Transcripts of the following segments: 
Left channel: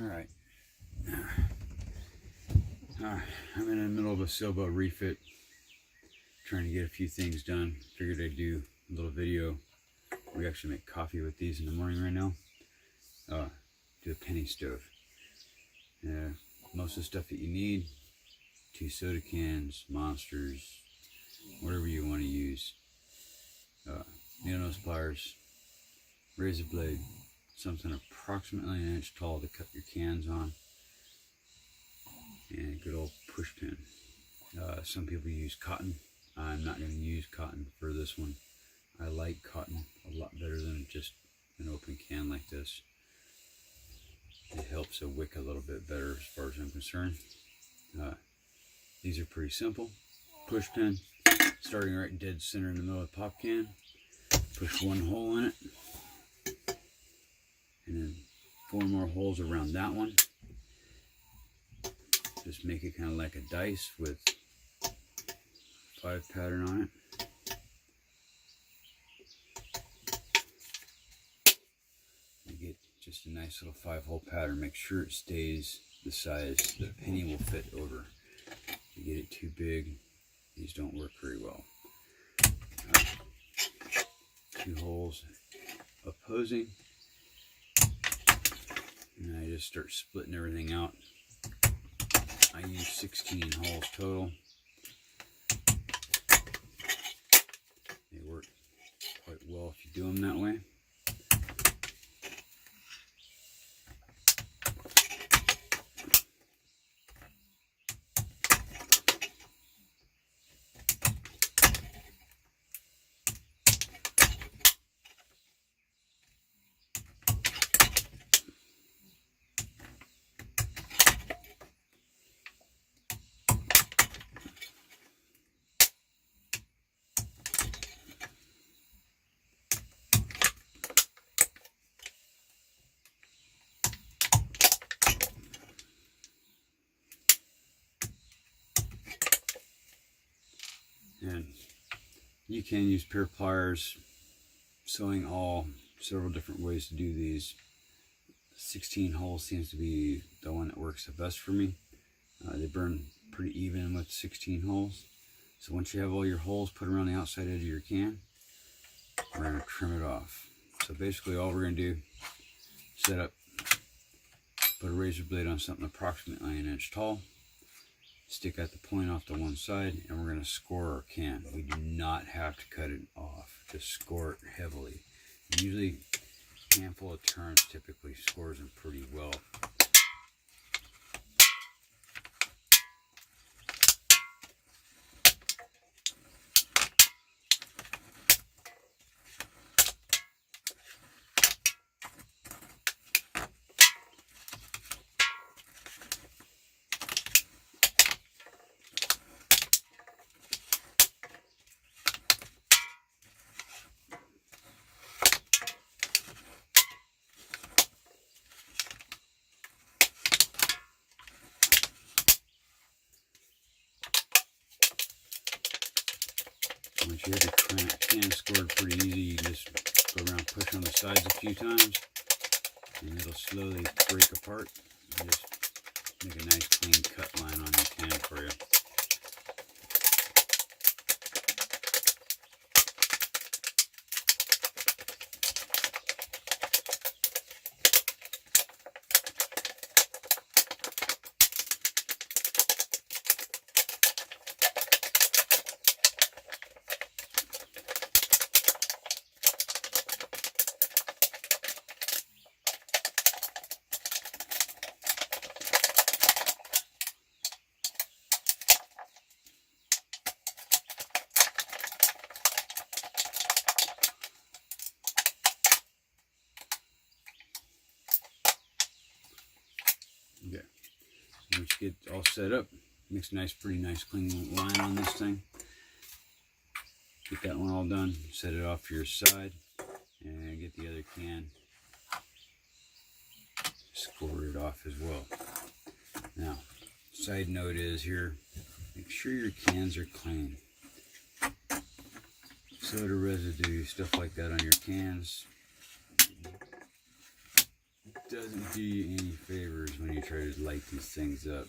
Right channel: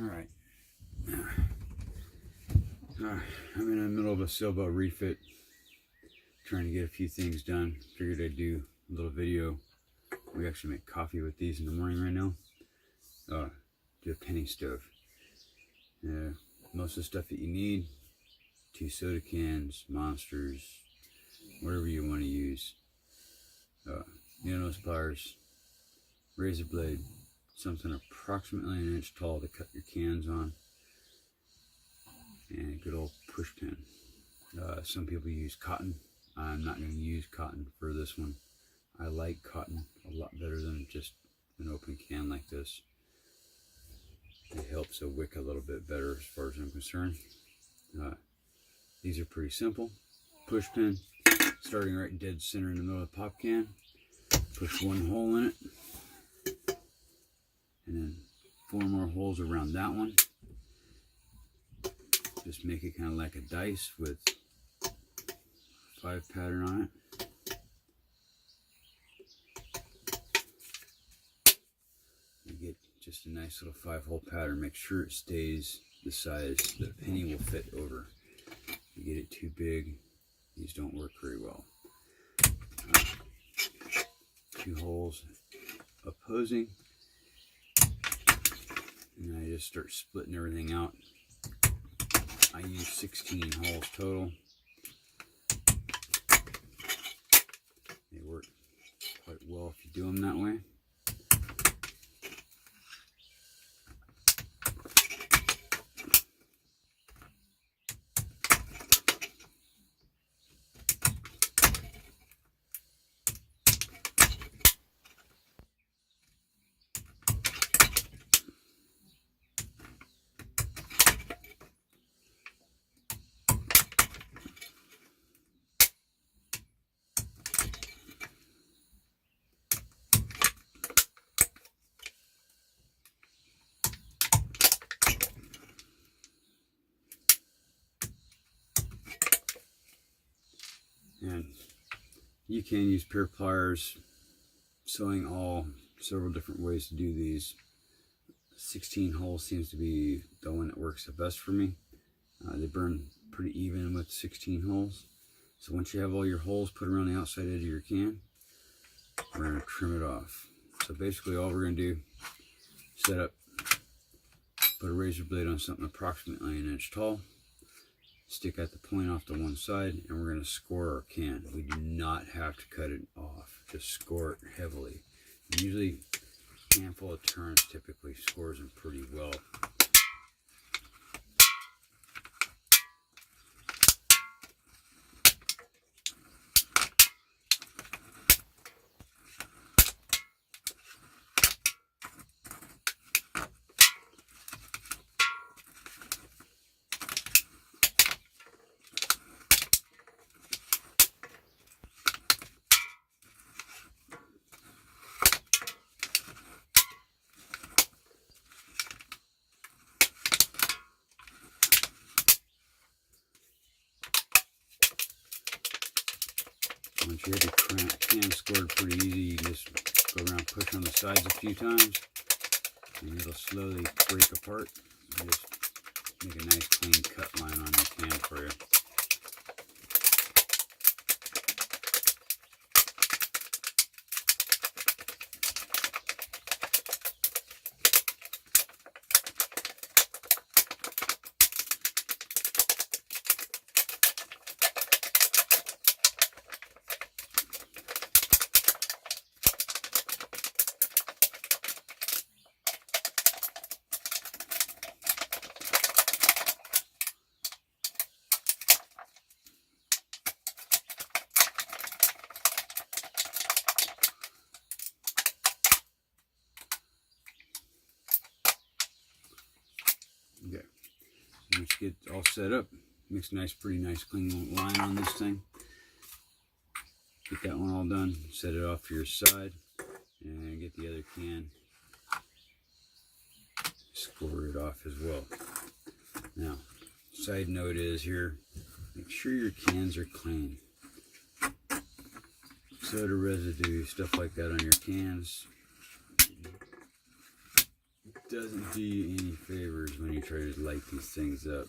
Alright. I'm in the middle of a sailboat refit, trying to get a few things done. Figured I'd do a little video. We actually make coffee with these in the morning right now. Do a penny stove. Most of the stuff that you need: 2 soda cans, monsters, whatever you want to use. Needle nose pliers, razor blade, something approximately 1 inch tall to cut your cans on, and a good old push pin. Some people use cotton. I'm not going to use cotton for this one. I like cotton a lot better than just an open can like this. It helps a wick a little bit better as far as I'm concerned. These are pretty simple. Push pin, starting right dead center in the middle of the pop can. Push 1 hole in it, and then 4 more holes around that one. Just make it kind of like a dice with 5 pattern on it. You get just a nice little 5-hole pattern. Make sure it stays the size that a penny will fit over. If you get it too big, these don't work very well. 2 holes opposing, and I just start splitting everything out. I use 16 holes total. They work quite well if you do them that way. And you can use pair pliers, sewing all, several different ways to do these. 16 holes seems to be the one that works the best for me. They burn pretty even with 16 holes. So once you have all your holes put around the outside edge of your can, we're going to trim it off. So basically all we're going to do, set up, put a razor blade on something approximately 1 inch tall, stick out the point off to one side, and we're going to score our can. We do not have to cut it off, just score it heavily. Usually a handful of turns typically scores them pretty well. Once you have your can scored pretty easy, you can just go around, push on the sides a few times, and it'll slowly break apart and just make a nice clean cut line on your can for you. Okay, so once you get all set up, makes a pretty nice clean line on this thing. Get that one all done, set it off to your side, and get the other can, score it off as well. Now, side note is here, make sure your cans are clean. Soda residue, stuff like that on your cans doesn't do you any favors when you try to light these things up.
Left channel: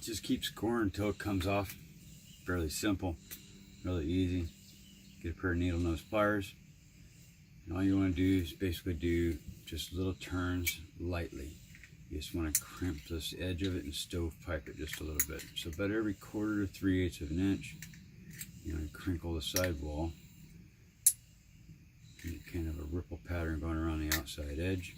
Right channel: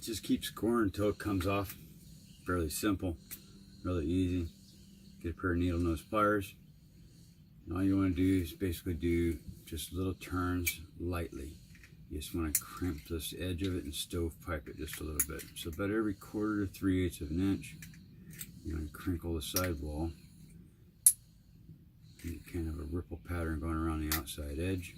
Just keep scoring until it comes off. Fairly simple, really easy. Get a pair of needle nose pliers. And all you want to do is basically do just little turns lightly. You just want to crimp this edge of it and stovepipe it just a little bit. So about every 1/4 to 3/8 of an inch, you want to crinkle the sidewall. And kind of a ripple pattern going around the outside edge.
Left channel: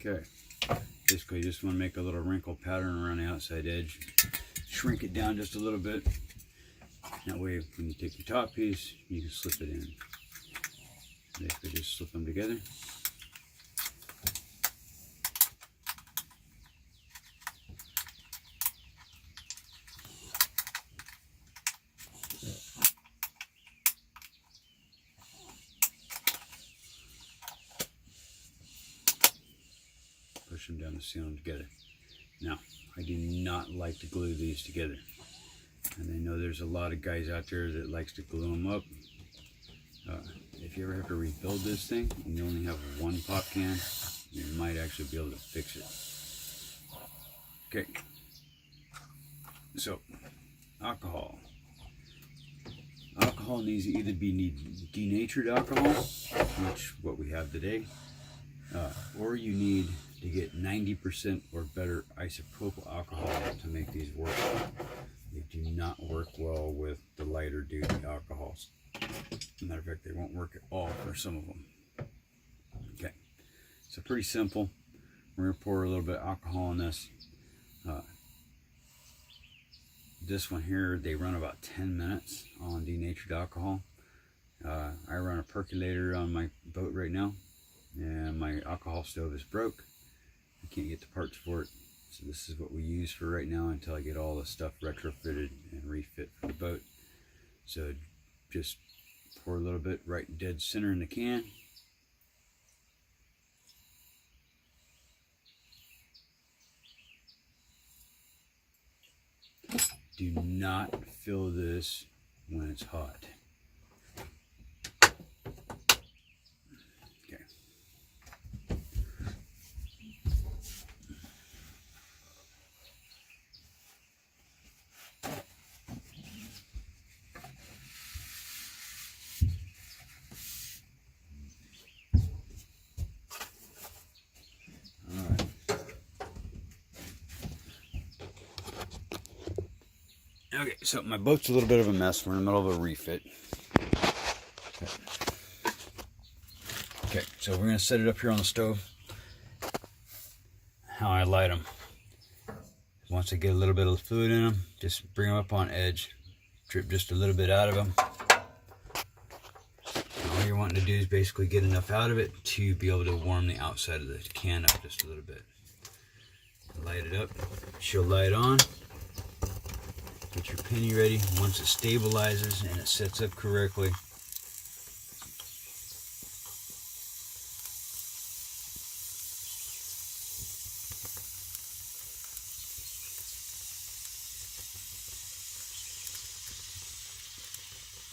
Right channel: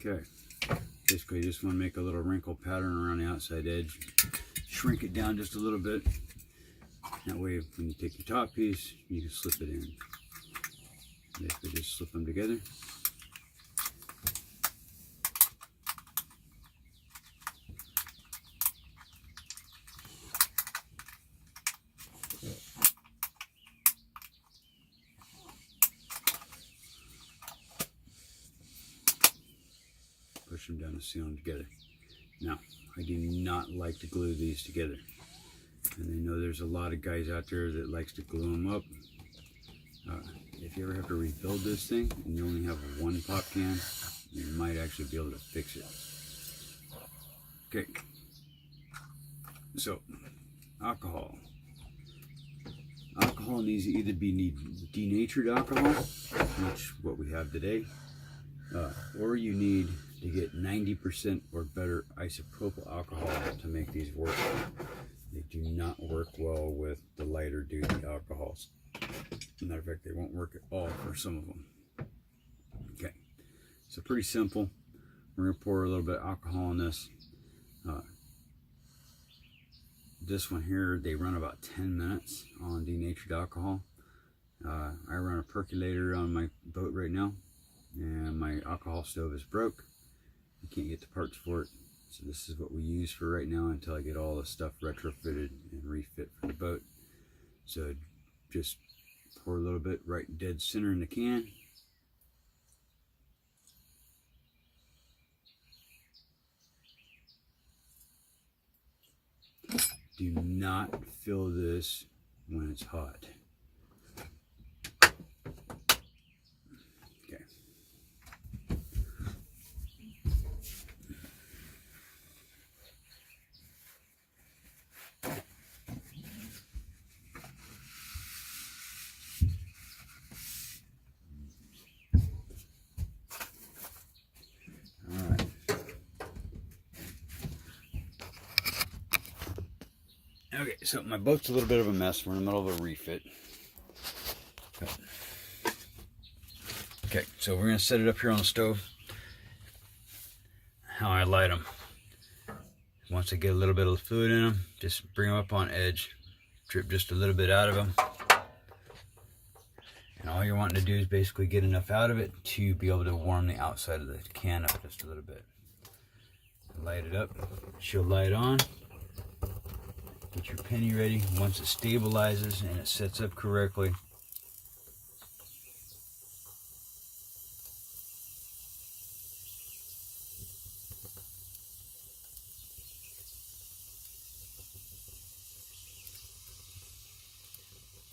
Okay, basically you just want to make a little wrinkle pattern around the outside edge. Shrink it down just a little bit. That way when you take your top piece, you can slip it in. Basically just slip them together. Push them down to seal them together. Now, I do not like to glue these together. And I know there's a lot of guys out there that likes to glue them up. If you ever have to rebuild this thing and you only have one pop can, you might actually be able to fix it. Okay. So, alcohol. Alcohol needs to either be denatured alcohol, which what we have today, or you need to get 90% or better isopropyl alcohol to make these work. They do not work well with the lighter duty alcohols. As a matter of fact, they won't work at all for some of them. Okay, So pretty simple. We're going to pour a little bit of alcohol in this. This one here, they run about 10 minutes on denatured alcohol. I run a percolator on my boat right now, and my alcohol stove is broke. I can't get the parts for it, so this is what we use for right now until I get all the stuff retrofitted and refit for the boat. So just pour a little bit right dead center in the can. Do not fill this when it's hot. Okay. All right. Okay, so my boat's a little bit of a mess. We're in the middle of a refit. Okay, so we're going to set it up here on the stove. How I light them. Once I get a little bit of fluid in them, just bring them up on edge. Drip just a little bit out of them. And all you're wanting to do is basically get enough out of it to be able to warm the outside of the can up just a little bit. Light it up. She'll light on. Get your penny ready. Once it stabilizes and it sets up correctly,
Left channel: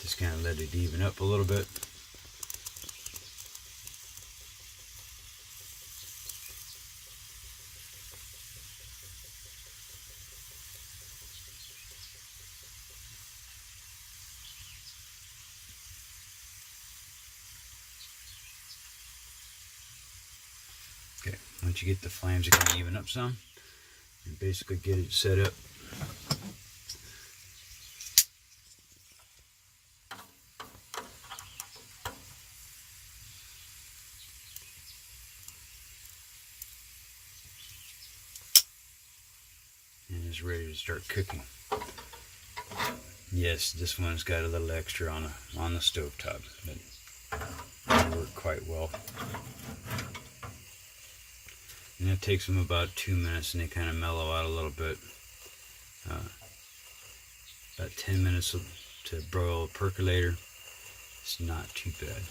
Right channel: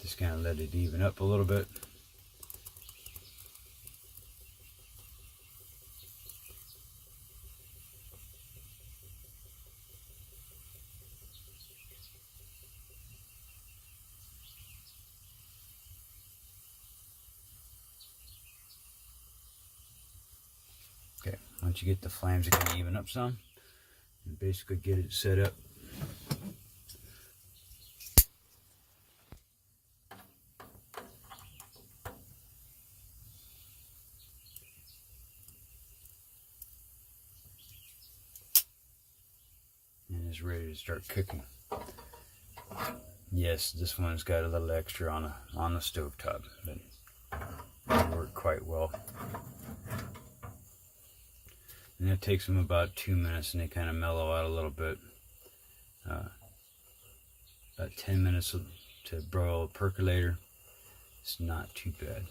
just kind of let it even up a little bit. Okay, once you get the flames, you can even up some and basically get it set up. And it's ready to start cooking. Yes, this one's got a little extra on the stove top, but it worked quite well. And it takes them about 2 minutes, and they kind of mellow out a little bit. About 10 minutes to broil a percolator. It's not too bad.